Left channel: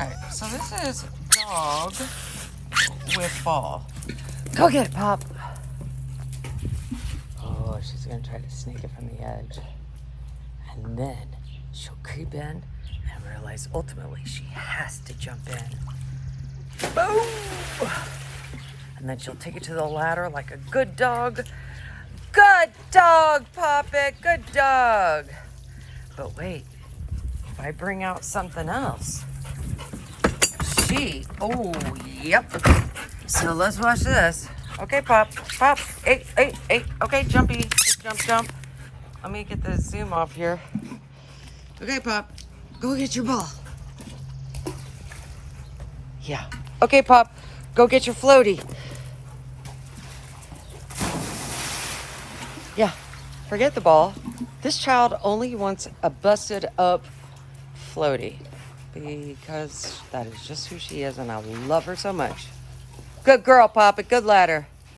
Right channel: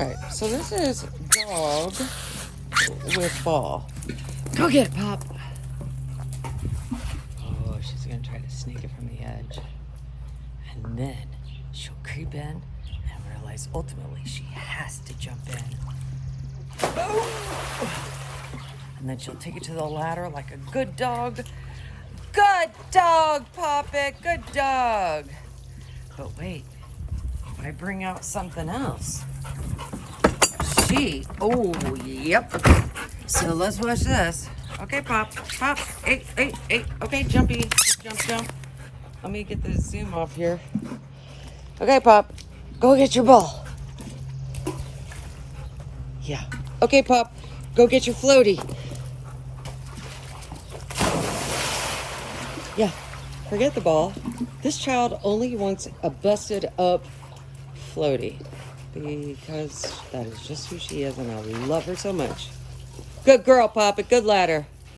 Okay, so this is dog with ball. Go get it, Pop. Oh, she's gonna try to sneak it from the edge. And then she'll creep in and realize ultimately she has to jump in. Boom! And then she'll take it to the ladder like a good dog. Good dog, Poppet, good dog. But wait, if I bring out something else, oh, yep. So let's watch this. Okay, Pop, hey. Okay, jumpy, jump. Let me get the zoom off here. Okay, Pop, go get your ball. Yeah. Okay, Pop, go get your floaty. Yeah, forget the ball. This child only wants a busted up floaty because that is just who she is and I love her so much. Good girl, Poppet, good ladder.